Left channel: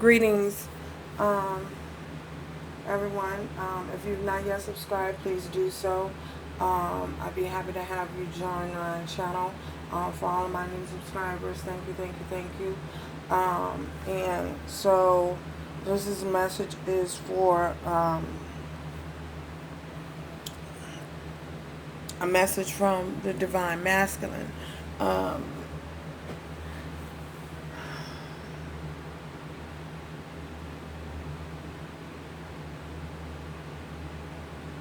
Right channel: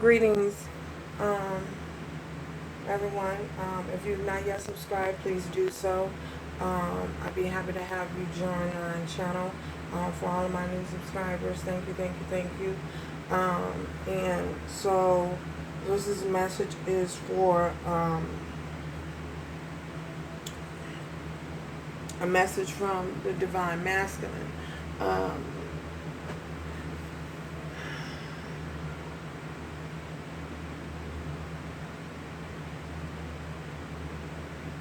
Greetings, everyone. If you've not yet subscribed, please do so. I'd be happy to have you join my channel. For all of my new subscribers, thank you, thank you, thank you. And so this is message is for a message from the Divine Masculine.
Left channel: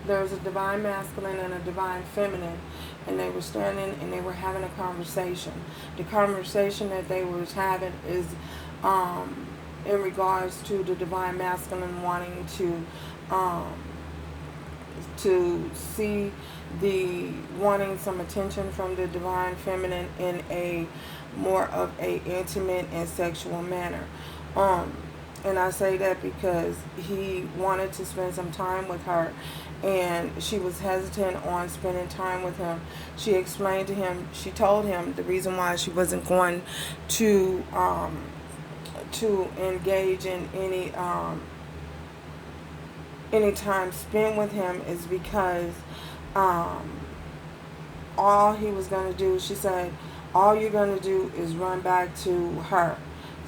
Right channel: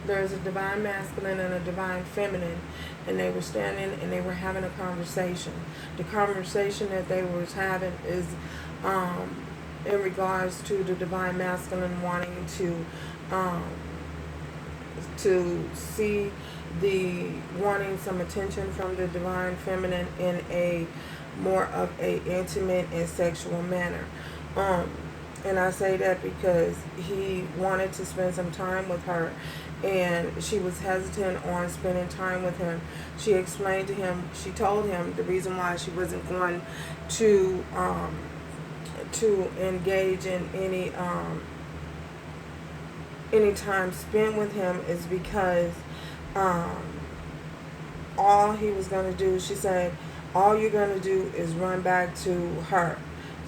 There's a divine masculine and a divine feminine, and they were standing and they were having a conversation. The conversation that they was having is in regards to the divine masculine wanting to see wanting some attention from the divine feminine in a more of a intimate and sexual manner. And I say that because he wanted to spend some time with her, and she was hesitant on spending time with him. She explained to him, she told him the reason why she wasn't going to engage in any time spent with him is because all he was going to do, she said, all you're going to do is run back to her.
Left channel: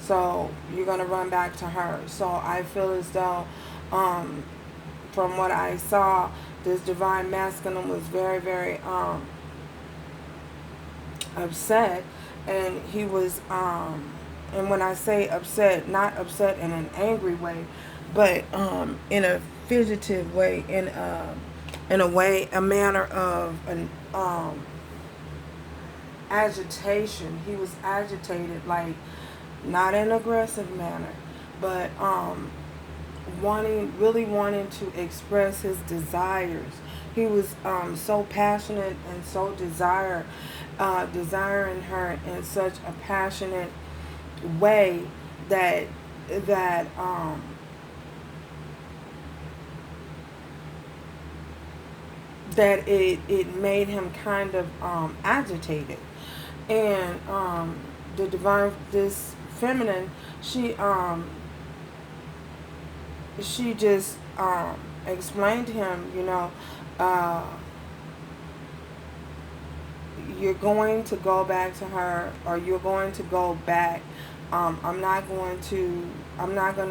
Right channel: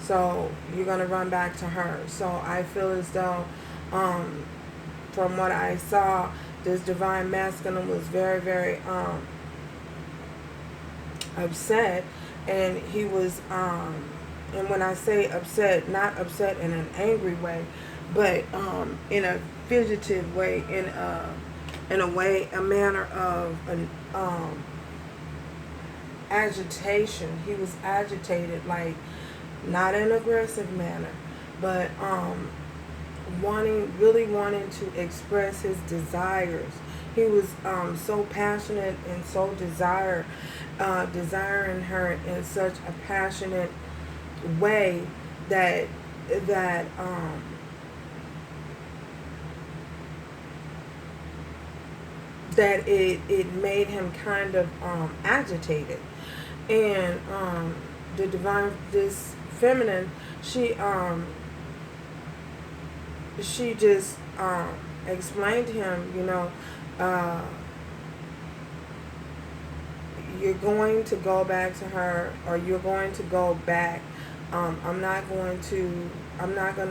So you're going to run back to her. So I feel as though, from what I saw, this divine masculine was very, very upset. And he was, and when I say upset, not upset in an angry way, but in a figurative way, in a way, a manner of an agitation. He was agitated, like, not in an aggressive manner, but really wanting to express his desires. He was so passionate and so desiring her in such a passionate way that it made him kind of agitated. And this feminine, she just explained to him, you're going to go back to her, or you're going to go back. I'm not going to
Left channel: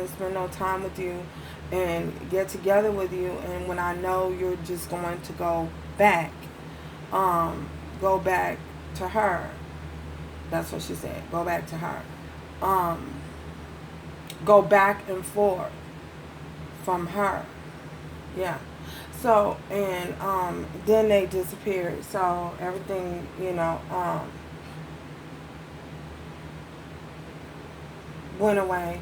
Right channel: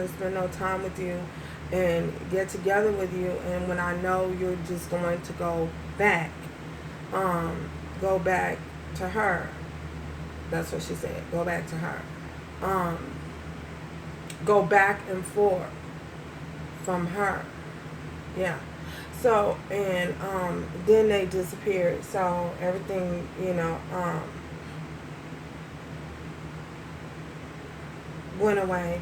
spend no time with you and get together with you, and when I know you're just going to go back to her. That's what she said. Go back to her. Go back and forth from her. Yeah. So, and then they disappeared. So everything, went away.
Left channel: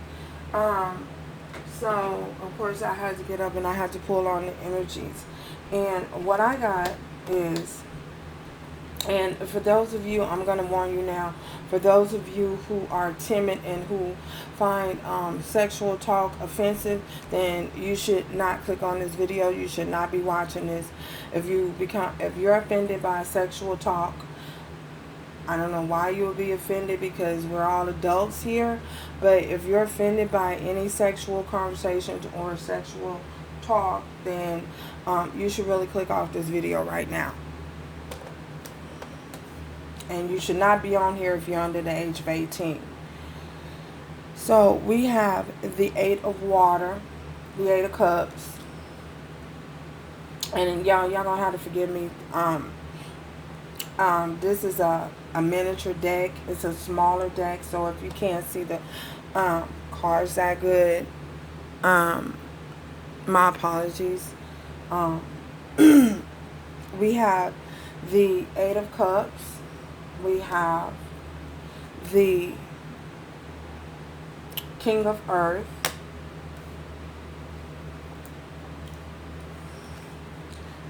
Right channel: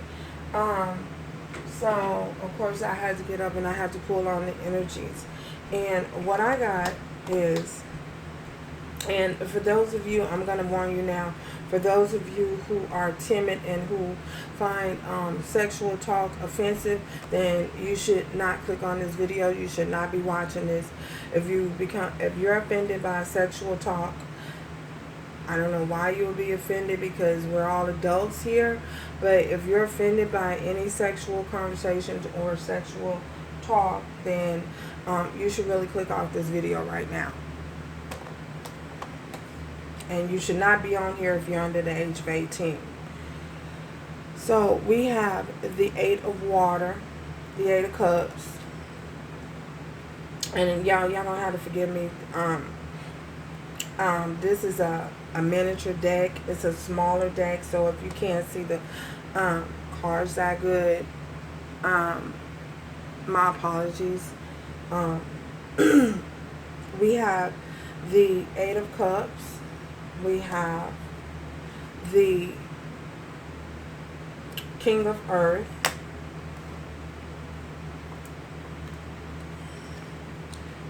So of course I had to get up and I had to pull on the energies. And what I got is, and for those of you, I'm going to warn you now, for those of you who are timid and who find sexual talk offensive, then you should not click on this video. You should not be watching this. If you're offended by sexual talk, I don't know why you would be offended, because we're all adults here. But if you're offended by any sexual conversations or sexual talk, then you should really click off this video right now. And you should not be on here if you're under the age of 18. So we have the 8 of water, the 8 of cups. And y'all gonna have to forgive me. This is a miniature deck. It's a smaller deck, so if you can't see the cards that good, my apologies. We have the 8 of cups. We have the King of Earth.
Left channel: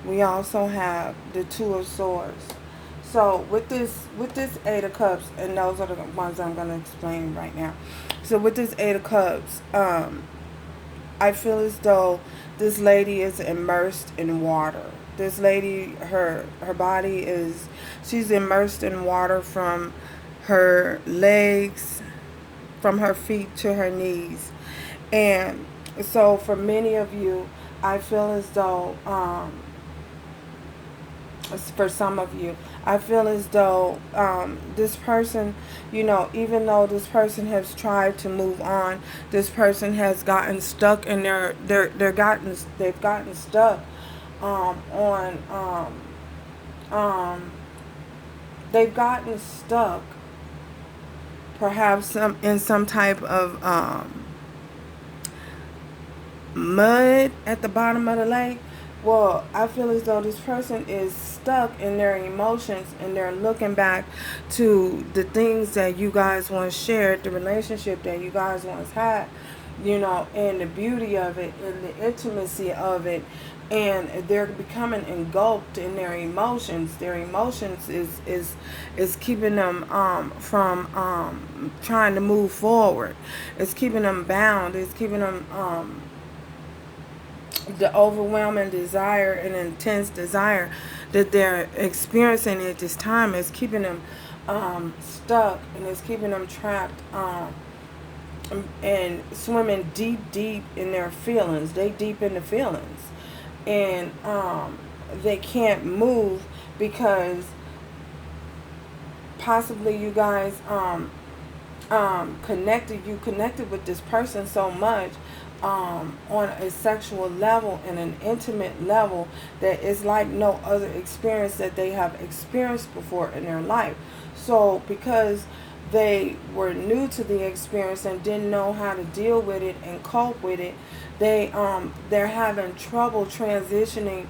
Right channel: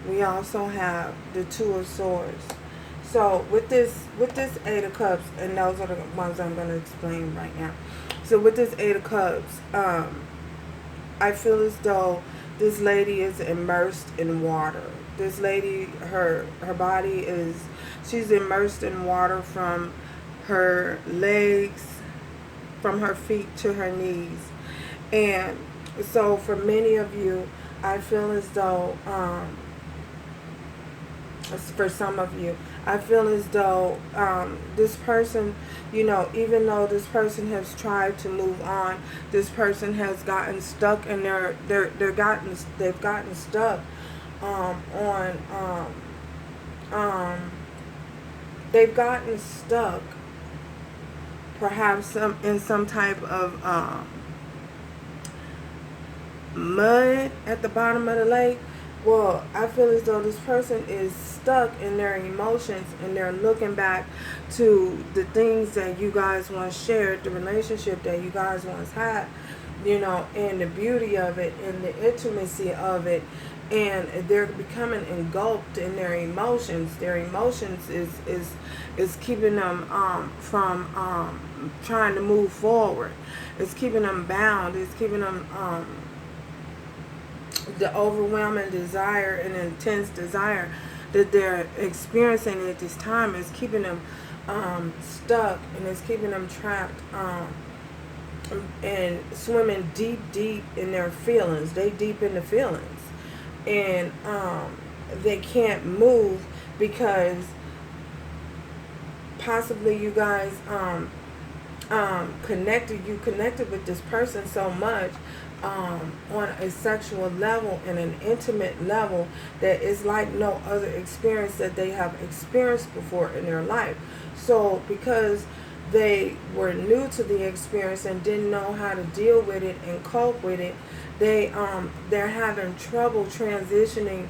We also have the 2 of Swords. So with this 8 of Cups, and those are the ones I'm going to explain right now. So with this 8 of Cups, I feel as though this lady is immersed in water. This lady, her body is, she's immersed in water from her legs from her feet to her knees. And so for many of you, I feel as though, for some of you, I feel as though this person, you know, even though this person has tried to move on, this person has gotten stuck in they've gotten stuck on they've gotten stuck perhaps in some type of mud at the bottom of the lake. Well, I feel as though this person is stuck in their emotions and they're looking back to the things that you guys once shared, the relationship that you guys once had, you know, and the beauty of it and the intimacy of it. And they're becoming engulfed in their emotions. Their emotions is keeping them from trying to move forward. It's keeping them bound. It's keeping them the overwhelming desire and intense desire that they're experiencing at this time is keeping them stuck, and it's keeping them trapped and swimming deep in their feelings. They deep in the feelings, and they can't move because possibly you guys connected with this person so much on a sexual level and an intimate level that is like no other experience that they have experienced before in their life. So because they were new to the experience and didn't know how to deal with it and cope with it, they're having trouble transitioning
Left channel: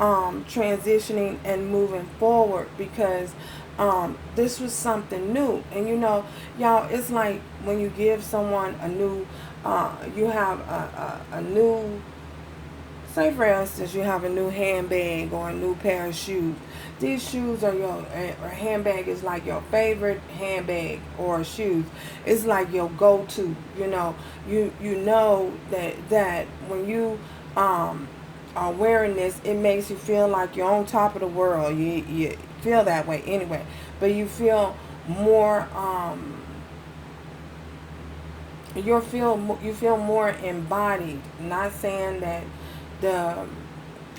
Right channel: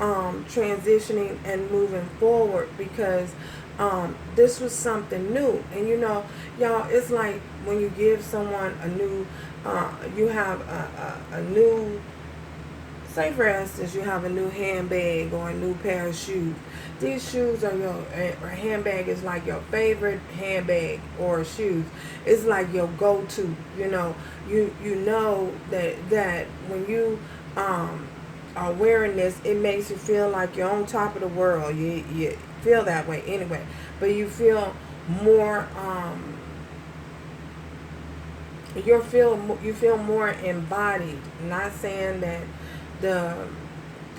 and moving forward because this was something new. And you know, y'all, it's like when you give someone a new you have a new, say for instance, you have a new handbag or a new pair of shoes. These shoes are or handbag is like your favorite handbag or shoes. It's like your go-to. You know, you know that when you are wearing this, it makes you feel like you're on top of the world. You feel that way anyway, but you feel more you feel more embodied. Not saying that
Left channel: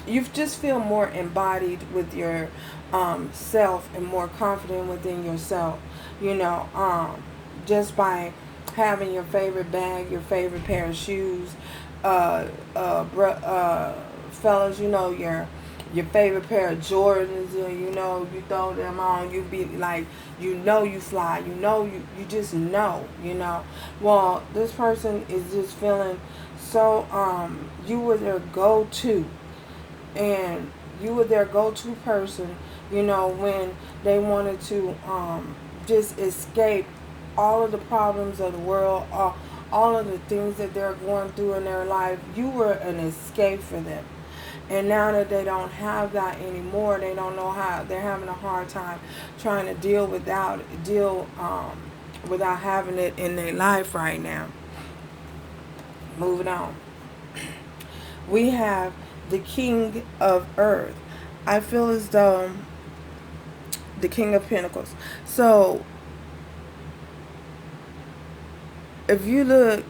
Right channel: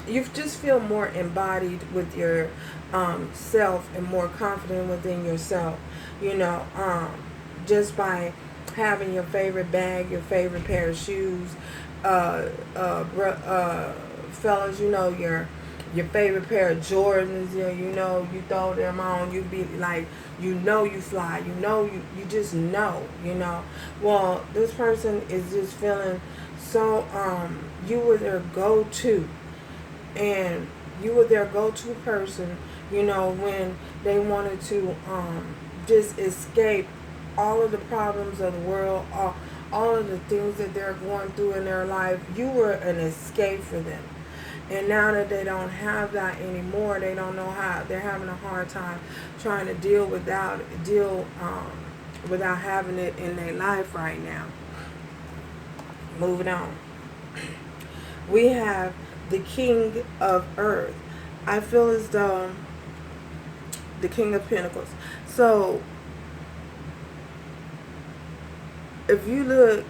you just feel more embodied with your self and more confident within yourself. You know, just by having your favorite bag, your favorite pair of shoes, fellas, you know, your favorite pair of Jordans, you know, you throw them on, you be like, you know, you fly, you know, you just know, you know. Well, this person is just feeling so, you were their go-to, and you were their go-to person, you know, when they wanted to just escape all of the problems of the world, all of the things that they're going through in their life. You were an escape for them. And now that they don't have that anymore, they don't know how. They're having a hard time trying to deal without having it in their life right now. Moving on. We have the King of Earth. I feel as though the King of Pentacles. So if you look,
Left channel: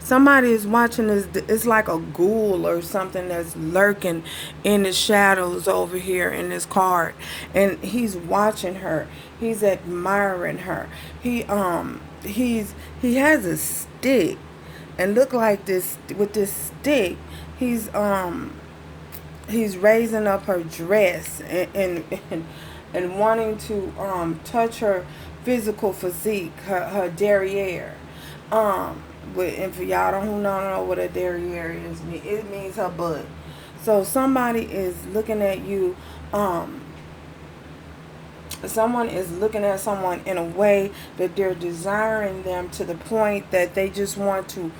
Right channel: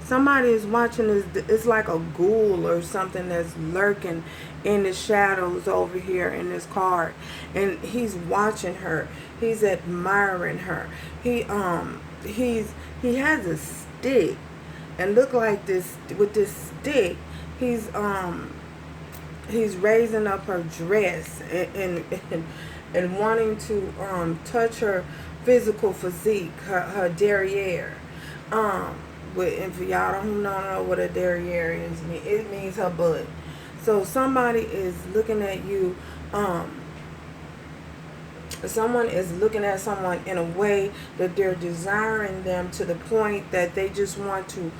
somebody is watching this. It's like a ghoul or something that's lurking in the shadows over here in this card, and he's watching her. He's admiring her. He has a stick, and look like this with this stick. He's raising up her dress and wanting to touch her physical physique, her derriere. And for y'all who don't know what a derriere is, it means her butt. So somebody is looking at you, someone is looking at someone in a way that they're desiring them to the point that they just want to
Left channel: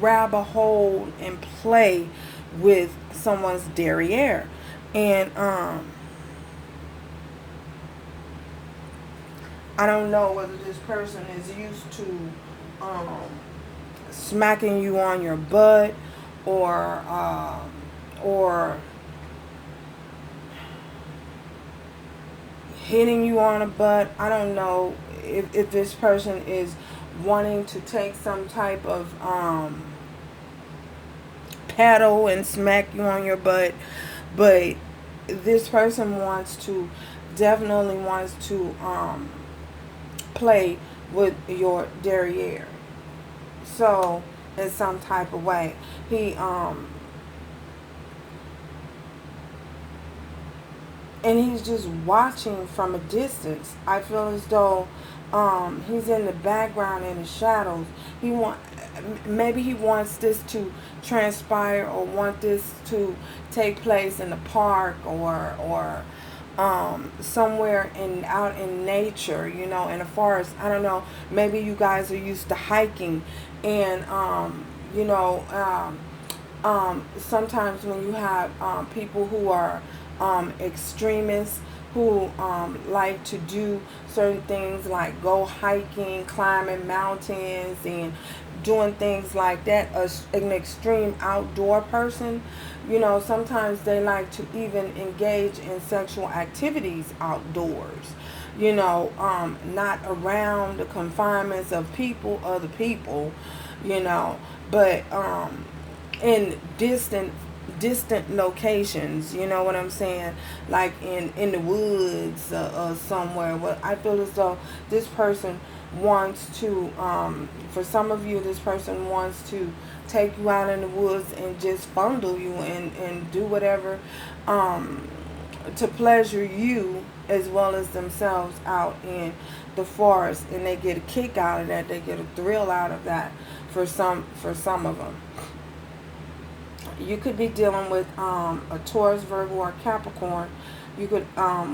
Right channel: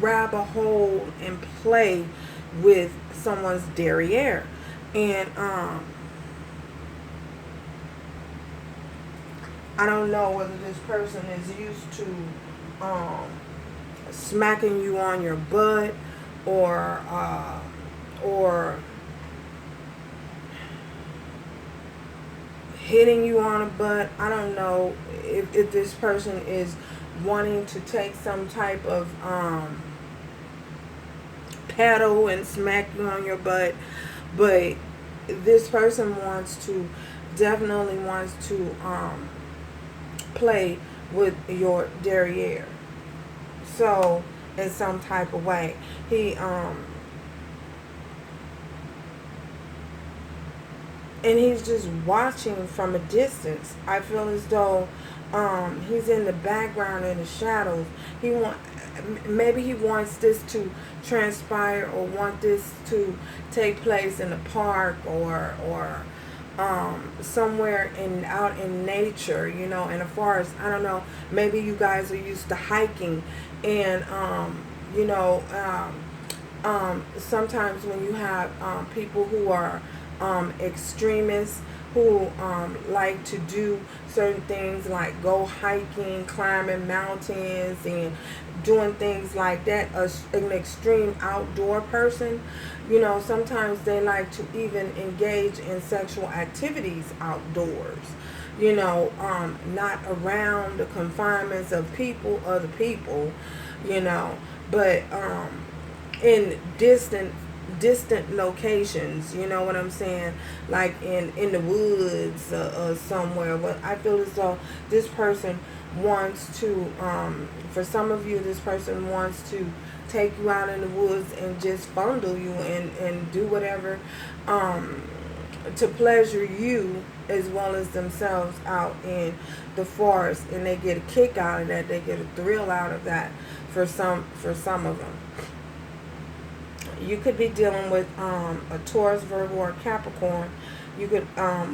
grab a hold and play with someone's derriere. And I don't know whether this person is used to smacking you on your butt or hitting you on the butt. I don't know if this person is wanting to take some type of paddle and smack you on your butt, but this person definitely wants to play with your derriere. So in some type of way, he and he's just watching from a distance. I feel as though he's in the background, in the shadows. Maybe he wants this to transpire, or want this to take place in a park, or somewhere out in nature, in a forest. I don't know. Maybe you guys are used to hiking, and sometimes when you have people who are extremists, who like to do certain things like go hiking, climbing mountains, and doing things like that, an extreme outdoor person, sometimes they like to even engage in sexual activities outdoors, not around the confinements of other people, but in distant locations, you know what I'm saying, like in the woods, or somewhere. Well, I feel as though this person wants to, for some of you, this person wants to take you out in the woods and just fondle you and do whatever to pleasure you as well as themselves out in the forest, and they get a kick out of that, they get a thrill out of that for some of them. You could be dealing with a Taurus, Virgo, or Capricorn. You could.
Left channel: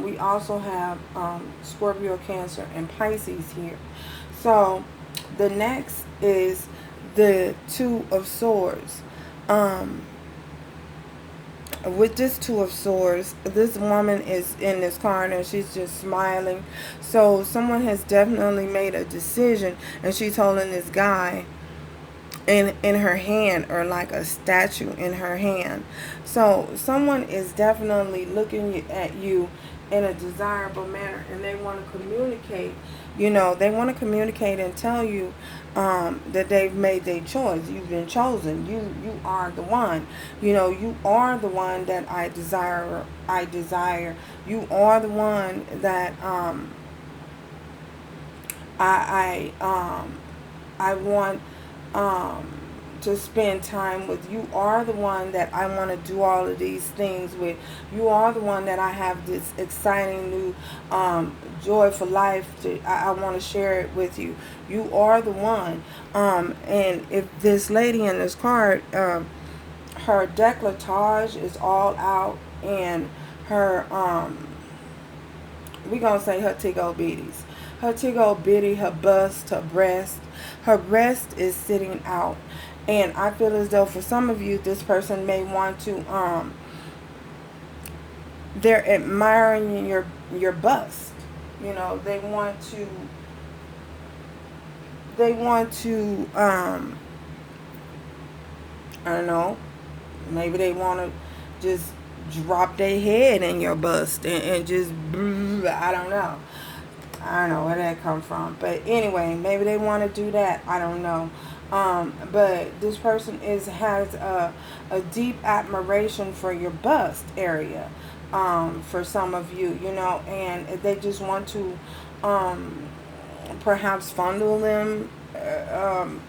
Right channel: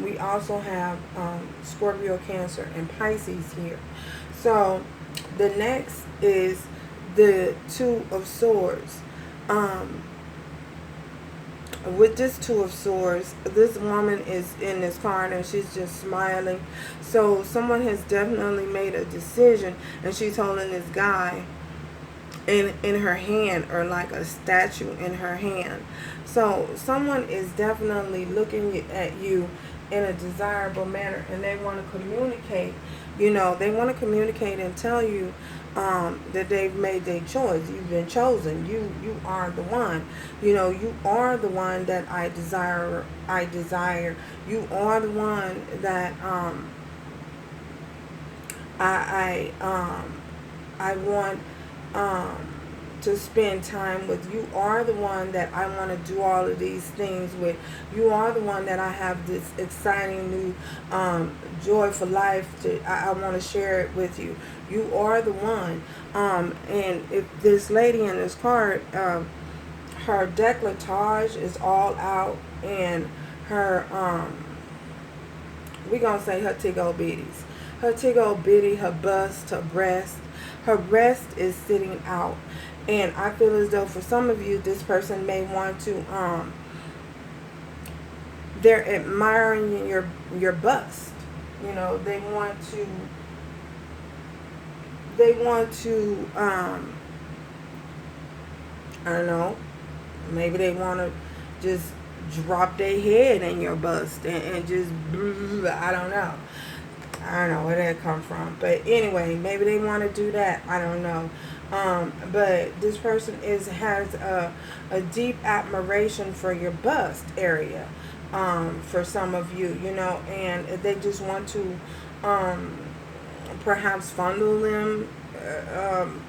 We also have Scorpio, Cancer, and Pisces here. So the next is the Two of Swords. With this Two of Swords, this woman is in this card and she's just smiling. So someone has definitely made a decision, and she's holding this guy in her hand, or like a statue in her hand. So someone is definitely looking at you in a desirable manner, and they want to communicate. They want to communicate and tell you that they've made their choice. You've been chosen. You are the one. You are the one that I desire. You are the one that I want to spend time with. You are the one that I want to do all of these things with. You are the one that I have this exciting new joy for life I want to share it with you. You are the one. And if this lady in this card, her décolletage is all out, and her we're gonna say her tiggle bitties. Her tiggle bitty, her bust, her breast is sitting out. And I feel as though for some of you, this person may want to, they're admiring your bust. They want to, I don't know, maybe they want to just drop their head in your bust and just, I don't know. I don't know where that come from. But anyway, maybe they want to do that. I don't know. But this person has a deep admiration for your bust area, for some of you, and they just want to perhaps fondle them,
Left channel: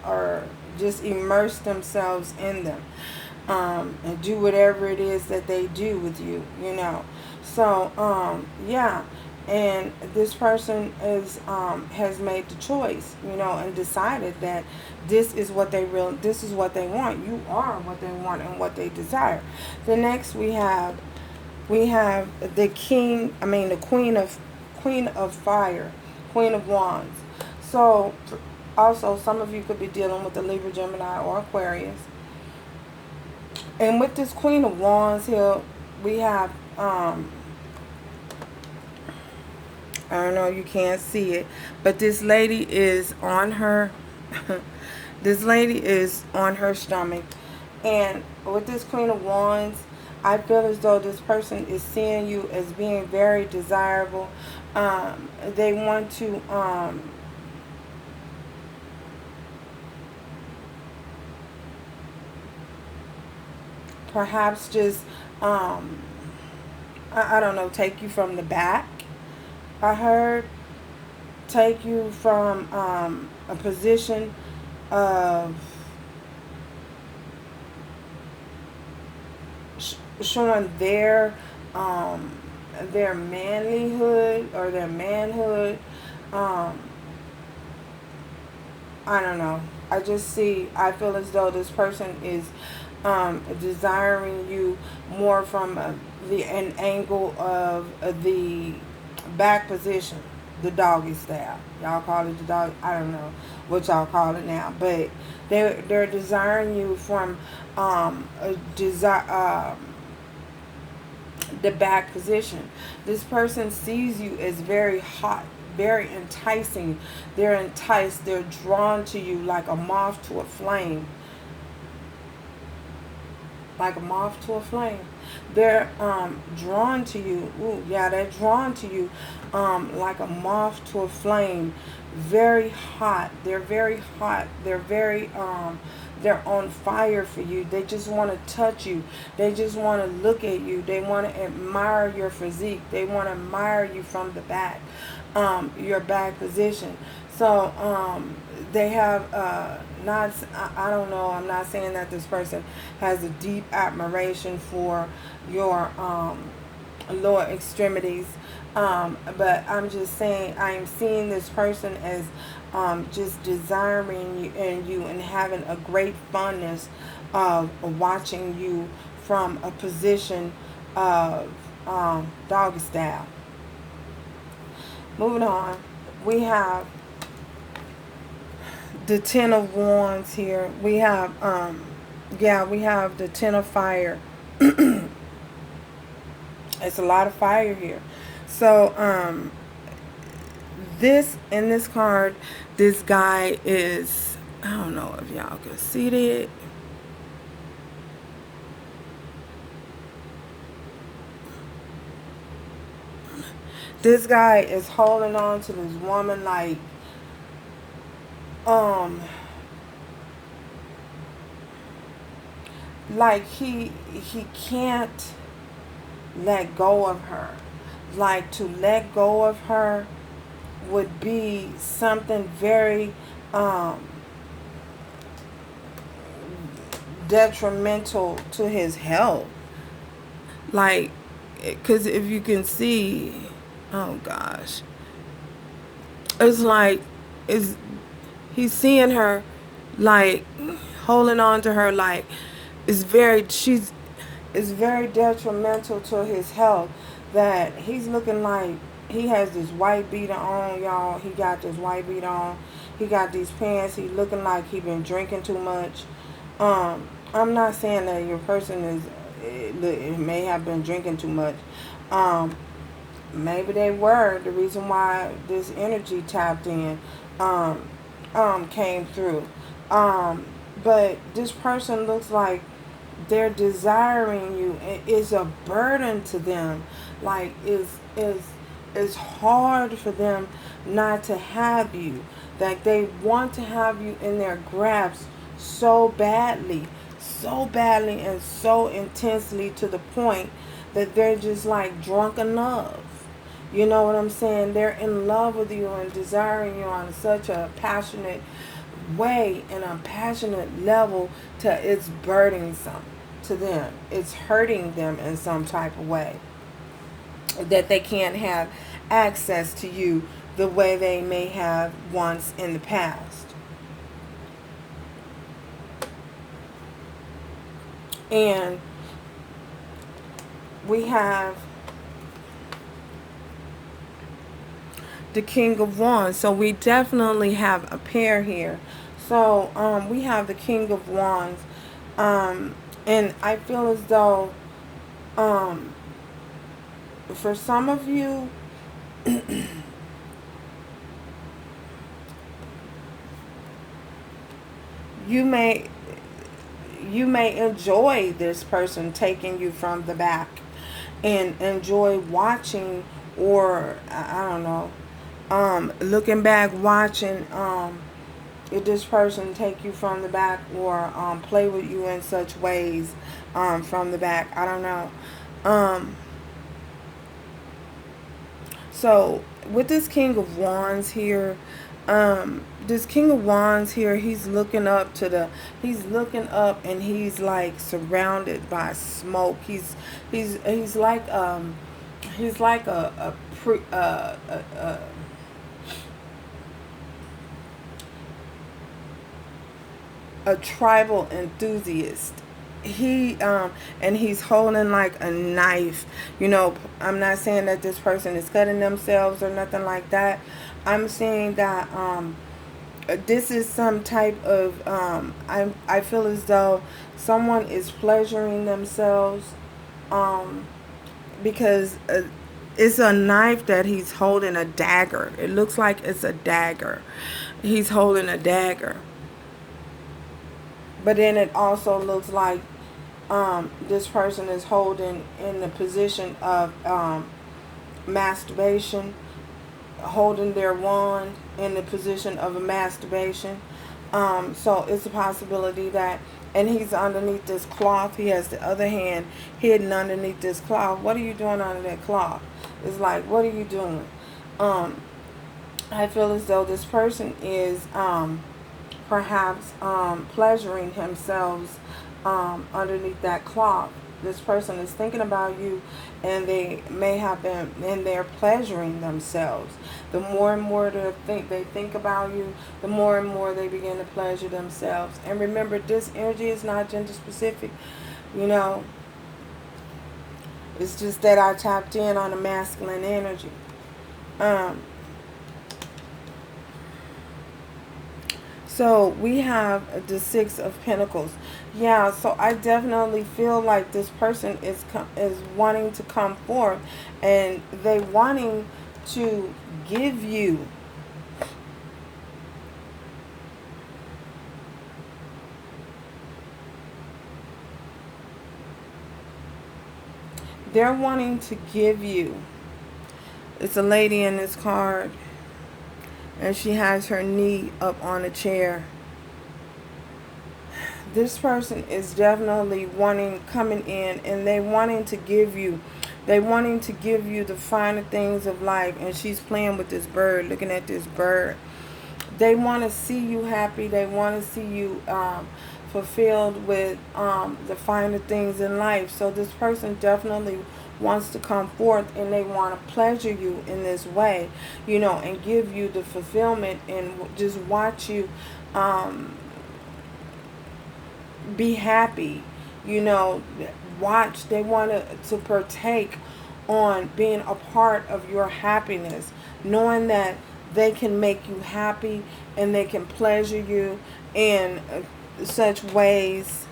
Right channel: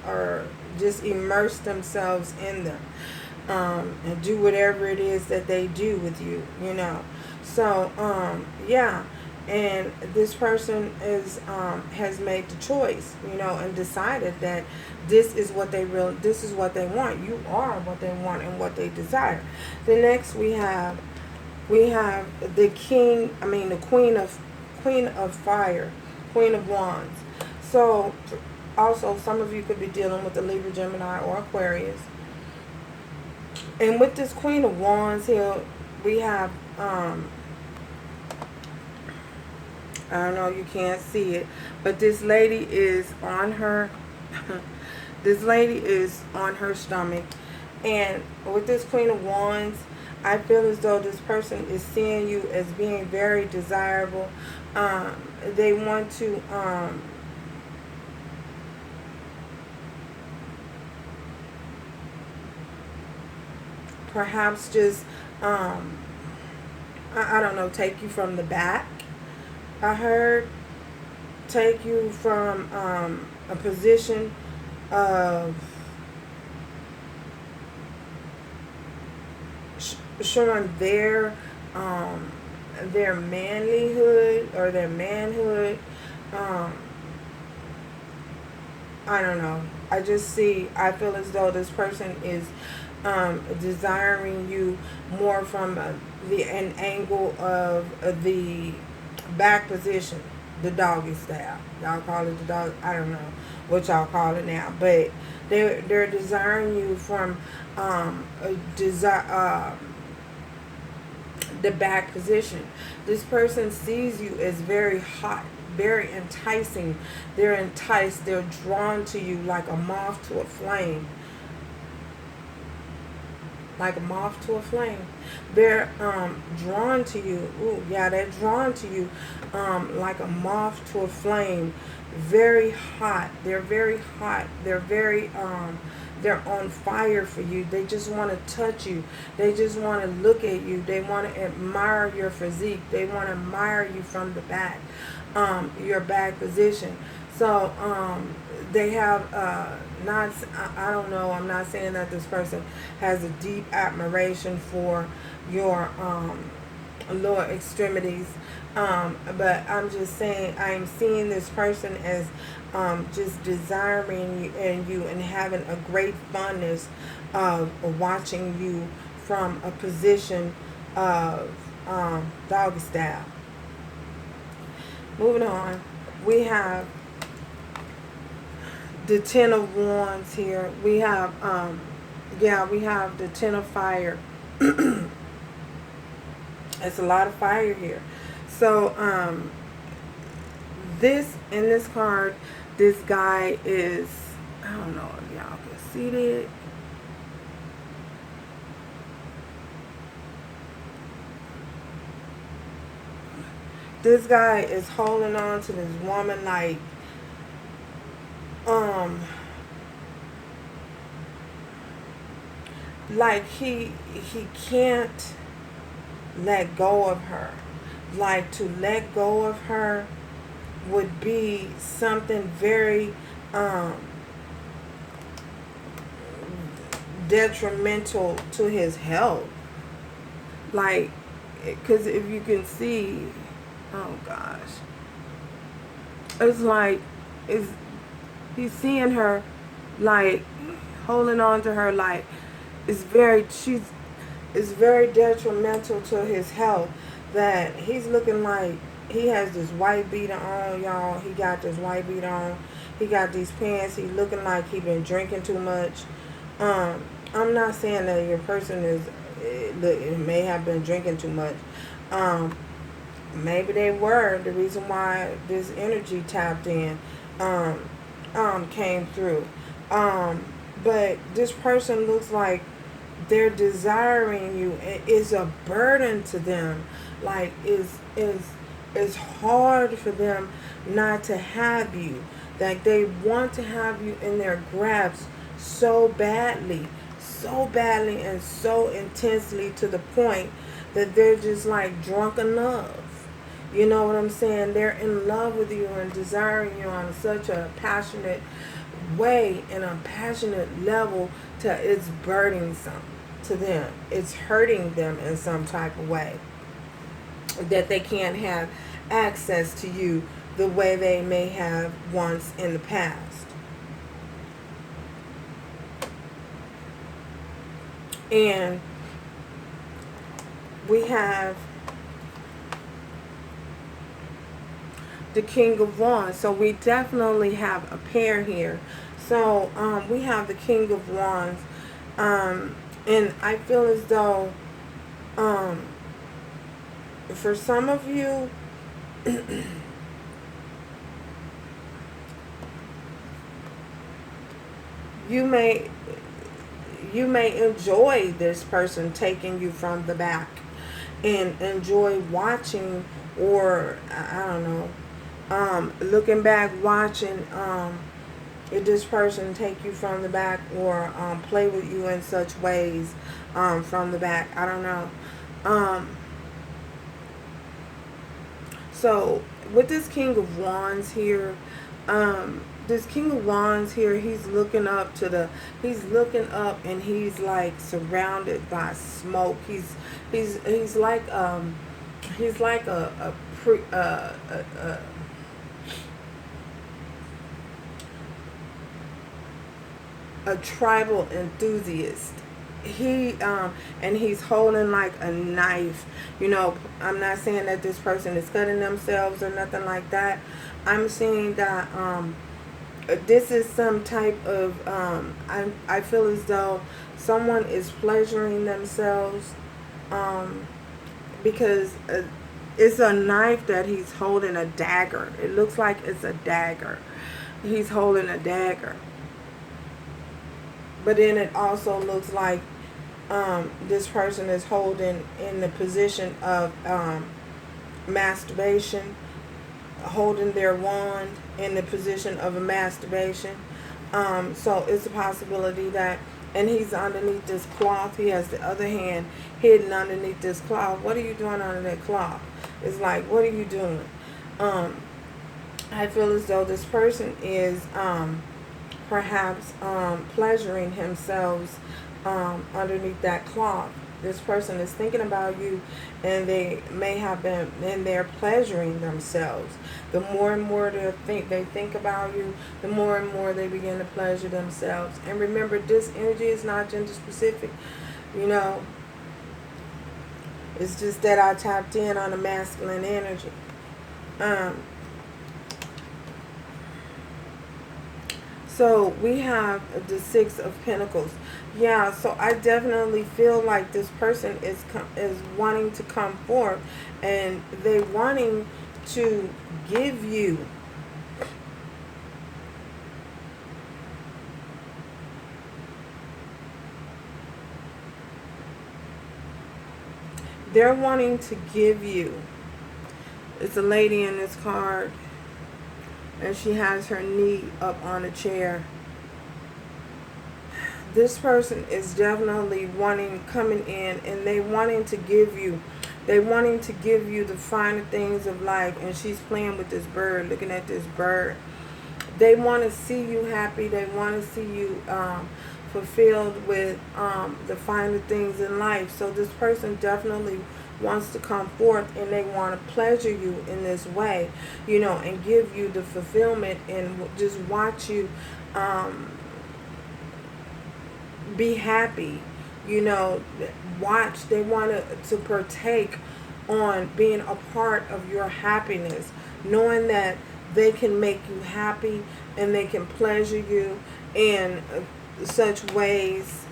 or just immerse themselves in them, and do whatever it is that they do with you, So, yeah. And this person has made the choice, and decided that this is what they want. You are what they want and what they desire. The next we have the Queen of Fire, Queen of Wands. So also some of you could be dealing with the Libra, Gemini, or Aquarius. And with this Queen of Wands here, we have I don't know, you can't see it, but this lady is on her stomach. And with this Queen of Wands, I feel as though this person is seeing you as being very desirable. They want to perhaps just I don't know, take you from the back. I heard take you from a position of showing their manlyhood or their manhood. Um, I don't know. I feel as though this person is desiring you more from an angle of the back position, the doggy style. Y'all call it the dog. I don't know what y'all call it now, but they're desiring you from a desire. The back position. This person sees you as very hot, very enticing. They're enticed. They're drawn to you like a moth to a flame. Like a moth to a flame. They're drawn to you. Ooh, yeah, they're drawn to you like a moth to a flame. Very hot. They're very hot. They're on fire for you. They just want to touch you. They just want to look at you. They want to admire your physique. They want to admire you from the back, your back position. So they have not, I don't know, I'm not saying that this person has a deep admiration for your lower extremities, but I'm just saying I'm seeing this person as just desiring you and having a great fondness of watching you from a position of doggy style. Moving on, we have the Ten of Wands here. We have we have the Ten of Fire. It's a lot of fire here. So this card, this guy is, I don't know if y'all can see it. This guy is holding on to this woman like he can't let go of her. Like, to let go of her would be something very detrimental to his health. Like, because if you can see, oh gosh, it's like he's seeing her, like holding on to her, like it's very detrimental to his health, that he's looking like he has this white beater on, y'all. He got this white beater on. He got these pants. He's looking like he been drinking too much. I'm not saying that your person it may have been drinking too much. Maybe they were. The reason why this energy tapped in came through. But this person looks like they're desiring you. It is a burden to them. Like, it's hard for them not to have you. Like, they want to have you in their grasp so badly and so intensely, to the point that they're just like drunk in love. You know what I'm saying? They're in love with you and desiring you on such a passionate way and a passionate level to it's burdensome to them. It's hurting them in some type of way, that they can't have access to you the way they may have once in the past. And we have the King of Wands. So we definitely have a pair here. So we have the King of Wands. And I feel as though for some of you, you may enjoy this person taking you from the back and enjoy watching or I don't know, looking back, watching if this person take you from the back, or play with you in such ways from the back. I don't know. So with this King of Wands here, this King of Wands here, he's looking up and he's like surrounded by smoke. He's like a pre, a tribal enthusiast. And he's holding like a knife. I'm not saying that this person is cutting themselves or nothing like that. I'm saying that this is some type of I feel as though someone is pleasuring themselves, because it's a knife that he's holding, a dagger. It looks like it's a dagger. He's holding a dagger. But then it also looks like this person is holding in the position of masturbation, holding their wand in the position of a masturbation. So it's a possibility that, and he's underneath this cloth. He has the other hand hidden underneath this cloth. What are you doing under that cloth? It's like, what are you doing? I feel as though this person is perhaps pleasuring himself underneath that cloth. This person is thinking about you, and they may have been, and they're pleasuring themselves. The more and more they think about you, the more and more they begin to pleasure themselves. And remember, this energy is not gender specific. It's just that I tapped in on a masculine energy. So we have the Six of Pentacles. Yeah, so I definitely feel like this person is wanting to come forth, and they wanting to give you it's a lady in this card, and she has her knee up on a chair. This person is definitely coming in, and they wanting to give you the finer things of life. And she's playing with this bird, looking at this bird. They want to see you happy. They want to see you fulfilled with the finer things in life. So this person definitely wants to come forth, and they want to pleasure you in this way, and give you the fulfillment, and just watch you be happy. They want to partake on being a part of your happiness, knowing that they can make you happy and they can pleasure you in such ways.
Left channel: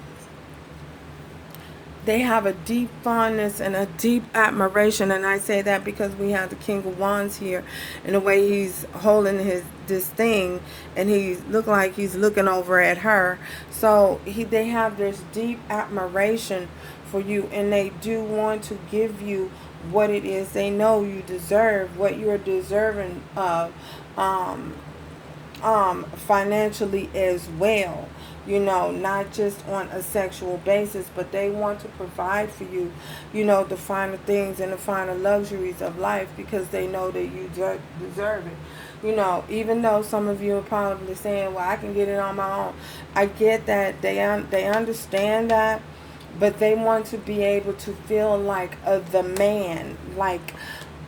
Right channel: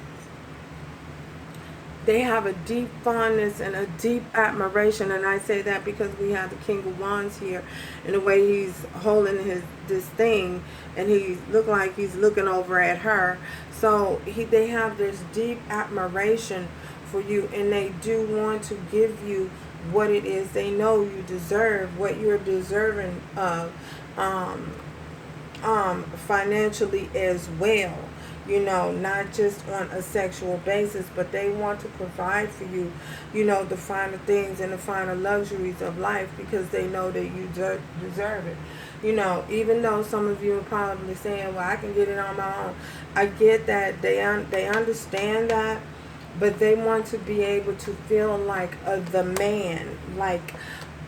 They have a deep fondness and a deep admiration, and I say that because we have the King of Wands here, and the way he's holding this thing, and he look like he's looking over at her. So they have this deep admiration for you, and they do want to give you what it is they know you deserve, what you're deserving of, financially as well. Not just on a sexual basis, but they want to provide for you, the finer things and the finer luxuries of life, because they know that you deserve it. Even though some of you are probably saying, well, I can get it on my own. I get that. They understand that, but they want to be able to feel like the man, like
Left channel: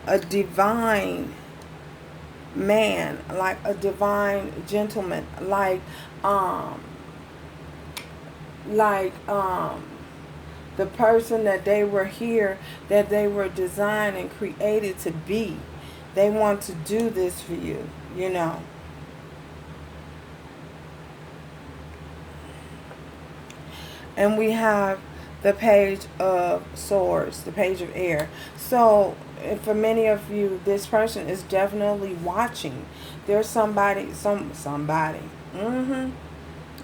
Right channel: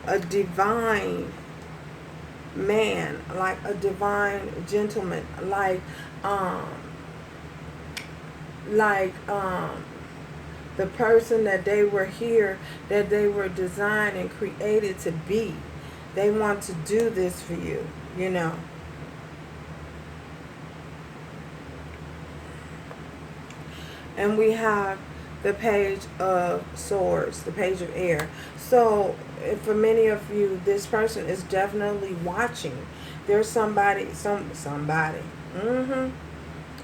a divine man, like a divine gentleman, like the person that they were here, that they were designed and created to be. They want to do this for you, And we have the Page of Swords, the Page of Air. So for many of you, this person is definitely watching. There's somebody.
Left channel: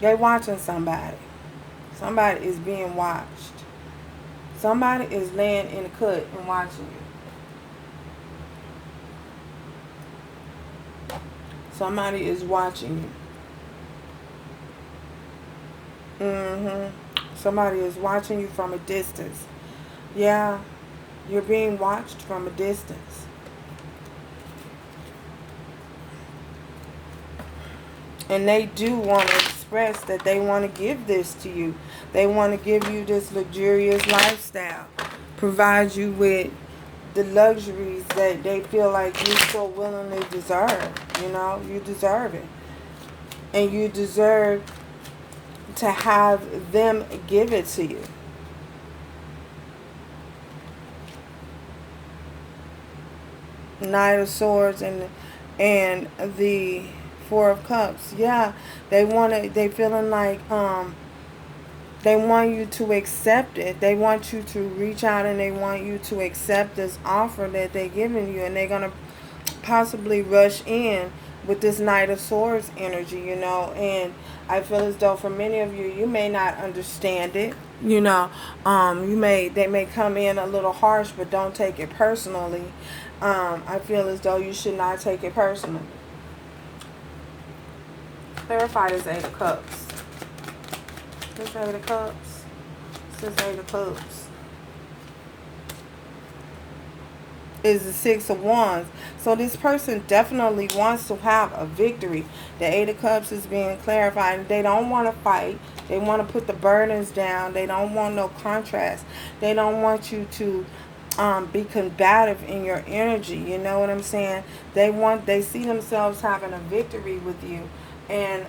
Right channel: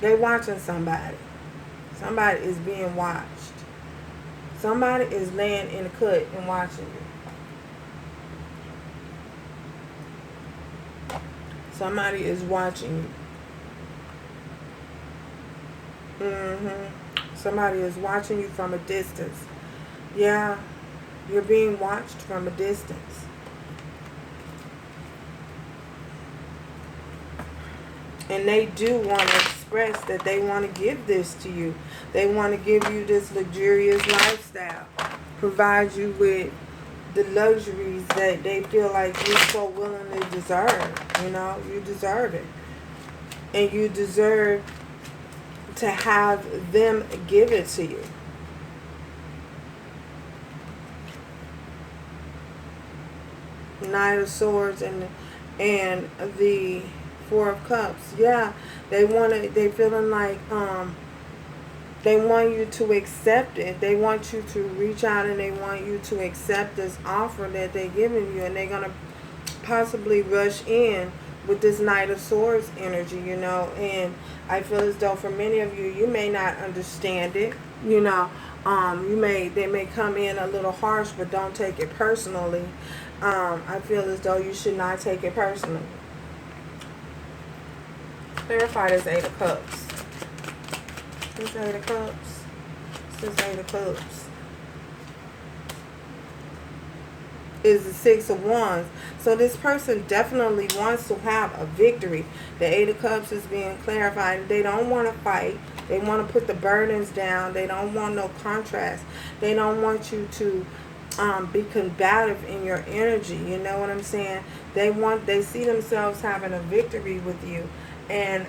They're watching somebody. Somebody is being watched. Somebody is laying in the cut and watching you. Somebody is watching you. Somebody is watching you from a distance. Yeah, you're being watched from a distance. And they do want to express that they want to give this to you. They want to give you this luxurious lifestyle. Provide you with the luxuries that they feel like you so willingly deserve. You know, you deserve it. And you deserve to have them give it to you. Knight of Swords and the Four of Cups. Yeah, they feeling like they want you to accept it. They want you to reach out and they want you to accept this offer that they're giving you, and they're gonna possibly rush in with this Knight of Swords energy, you know. And I feel as though for many of you, you may not understand it. You know, they may come in a little harsh, but don't take it personally. I feel as though you should not take it personally. Clarify this Eight of Cups. This Eight of Cups. This Eight of Cups. Is the Six of Wands. So this person definitely wants to have a victory. The Eight of Cups is being clarified. They don't want to fight. They want to put the burdens down. They don't want no contrast. They don't want you to be combative in your energy. You know what I'm saying? They see themselves having a victory with you. And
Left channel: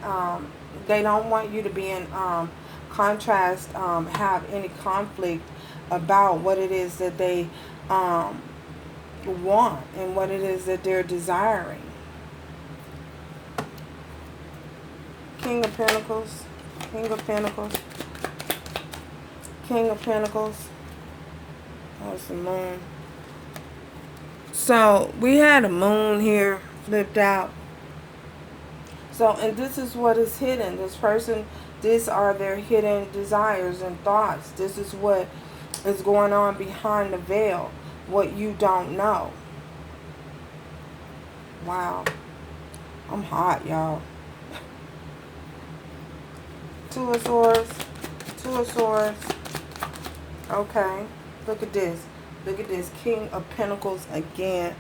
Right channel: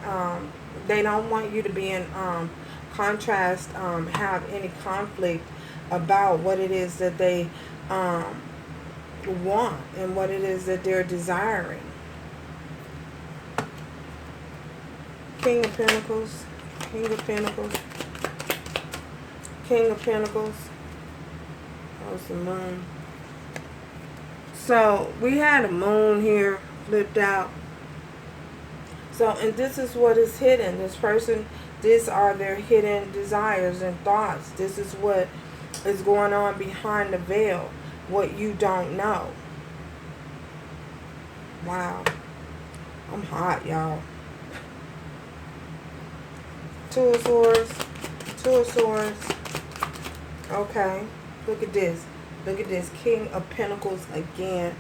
they don't want you to be in contrast, have any conflict about what it is that they want and what it is that they're desiring. King of Pentacles, King of Pentacles, King of Pentacles. That was the moon. So we had a moon here flipped out. So, and this is what is hidden. This person, these are their hidden desires and thoughts. This is what is going on behind the veil. What you don't know. Wow. I'm hot, y'all. Two of Swords. Two of Swords. Okay. Look at this. Look at this. King of Pentacles again.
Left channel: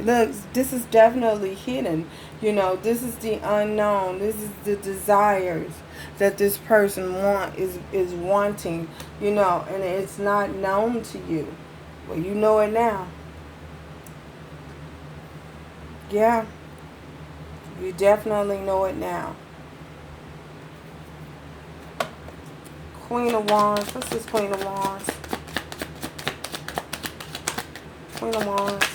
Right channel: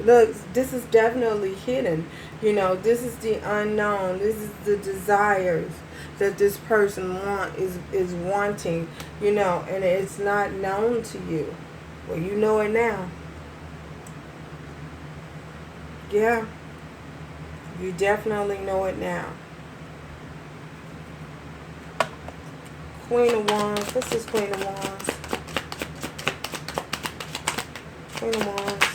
Look, this is definitely hidden. You know, this is the unknown. This is the desires that this person is wanting, you know, and it's not known to you. Well, you know it now. Yeah. You definitely know it now. Queen of Wands. What's this Queen of Wands? Queen of Wands.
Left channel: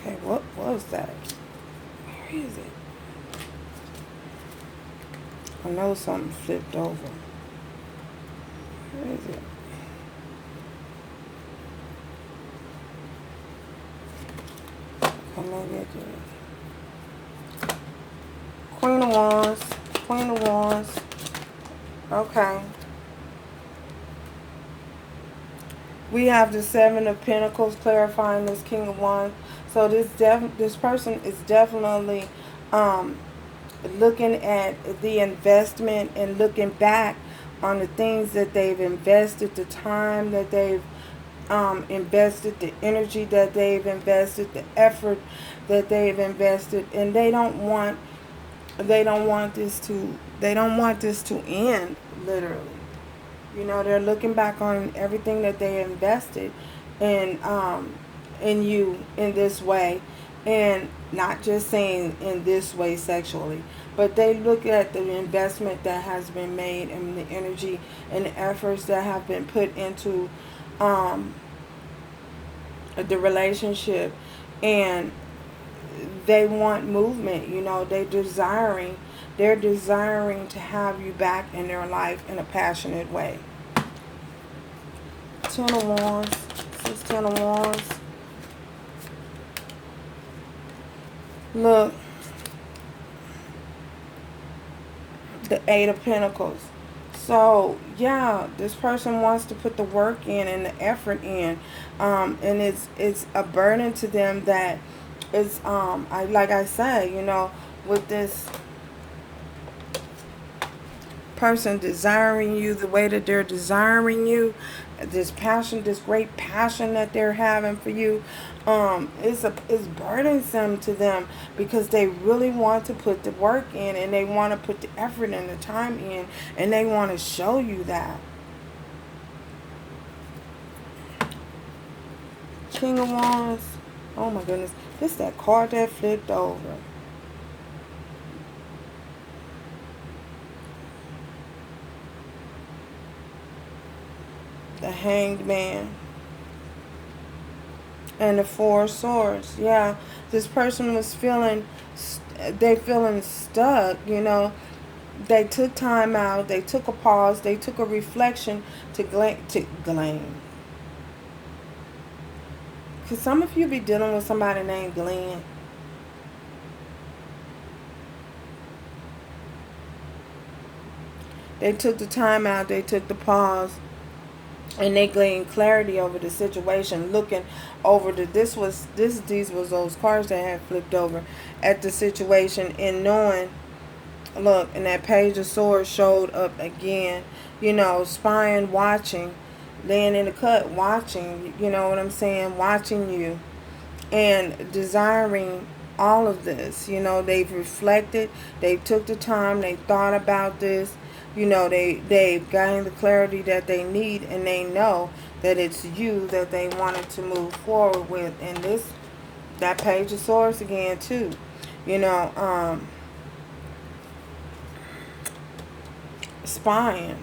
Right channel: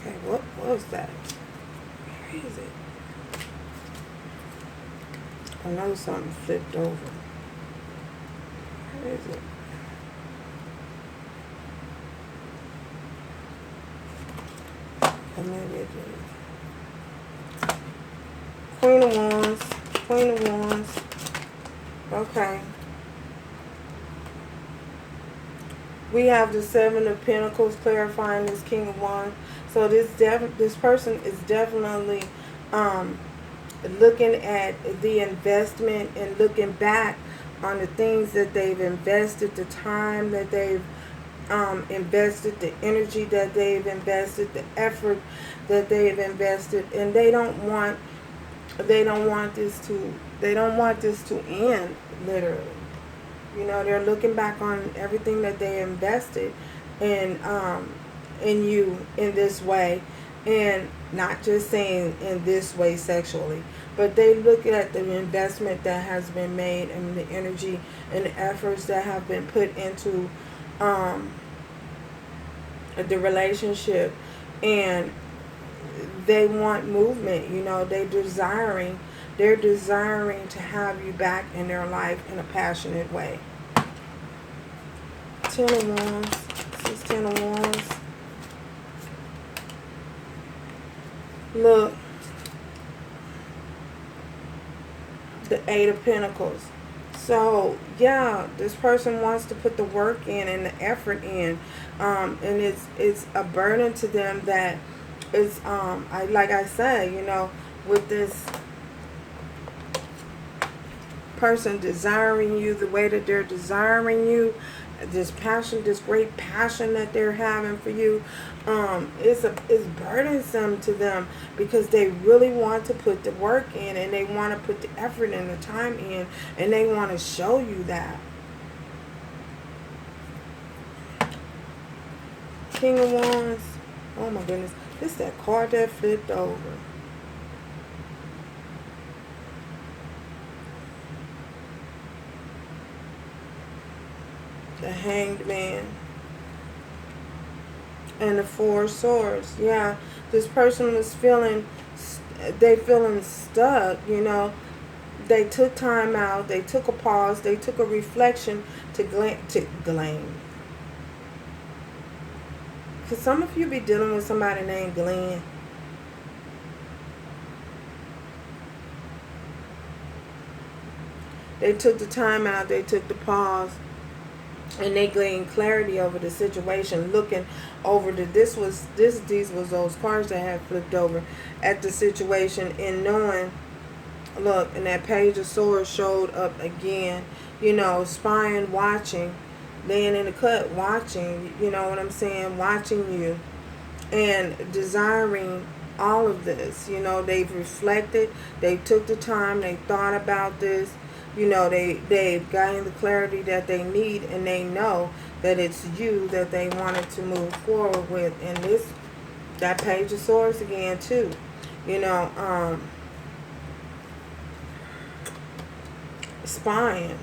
Okay, what was that? Where is it? I know something flipped over. Where is it? I'm not getting it. Queen of Wands. Queen of Wands. Okay. We have the Seven of Pentacles clarifying this King of Wands. So this person is definitely looking at the investment and looking back on the things that they've invested, the time that they've invested, the energy that they've invested, the effort that they've invested, and they don't want this to end, literally. You know, they're looking back on everything that they invested in you in this way, and not just saying in this way sexually, but they look at the investment that has been made and the energy and the efforts that have been put into the relationship, and they want movement. You know, they're desiring to have you back in their life in a passionate way. Ten of Wands. This is Ten of Wands. Look. The Eight of Pentacles. So, yeah, this person wants to put the work in and the effort in. And it's a burden to them that it's like I said, you know, with this person desiring you the way that they're desiring you, this passion, this great passion that they're having for you, it's burdensome to them, because they really want to put the work in, and they want to put the effort and the time in, and they want to show you that. King of Wands. Oh my goodness. This is that card that flipped over. The Hanged Man. And the Four of Swords. Yeah. This person was feeling stuck, you know. They took time out. They took a pause. They took a reflection to glean. Could some of you be dealing with somebody named Glenn? They took the time out. They took the pause. And they gained clarity over the situation, looking over these was those cards that had flipped over at the situation, and knowing, look, and that Page of Swords showed up again, you know, spying, watching, laying in the cut, watching, you know what I'm saying, watching you, and desiring all of this. You know, they've reflected, they took the time, they thought about this. You know, they've gotten the clarity that they need, and they know that it's you that they wanted to move forward with. And that Page of Swords again too. You know, spying,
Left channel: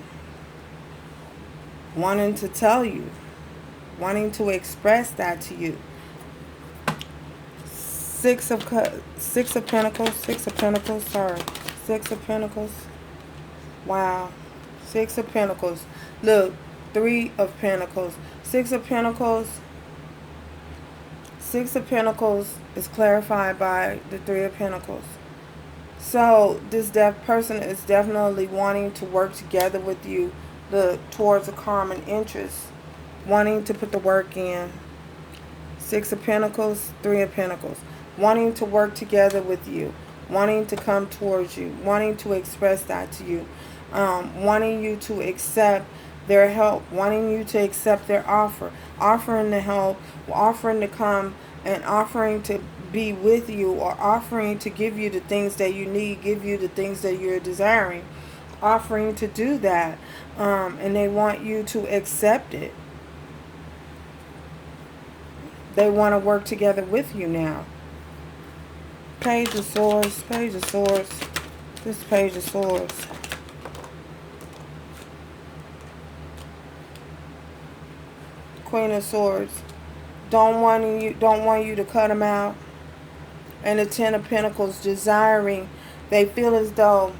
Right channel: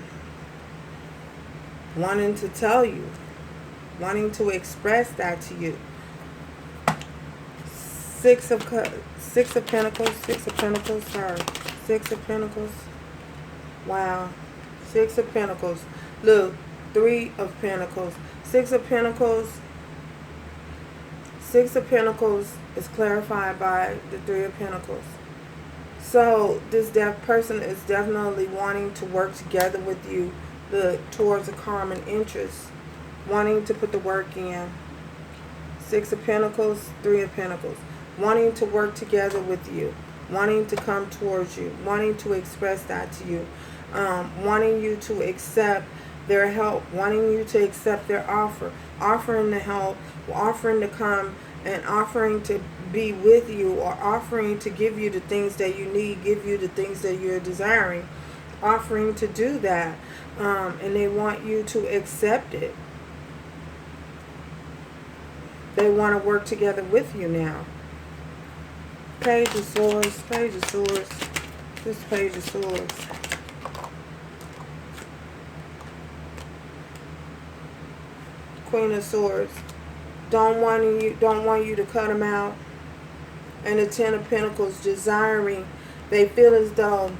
wanting to tell you, wanting to express that to you. Six of Pentacles. Wow. Six of Pentacles. Look, Three of Pentacles. Six of Pentacles. Six of Pentacles is clarified by the Three of Pentacles. So this person is definitely wanting to work together with you, towards a common interest, wanting to put the work in. Six of Pentacles, Three of Pentacles. Wanting to work together with you, wanting to come towards you, wanting to express that to you, wanting you to accept their help, wanting you to accept their offer, offering to help, offering to come, and offering to be with you, or offering to give you the things that you need, give you the things that you're desiring, offering to do that, and they want you to accept it. They want to work together with you now. Page of Swords, Page of Swords, this Page of Swords. Queen of Swords. Don't want you to cut them out. And the Ten of Pentacles, desiring. They feel as though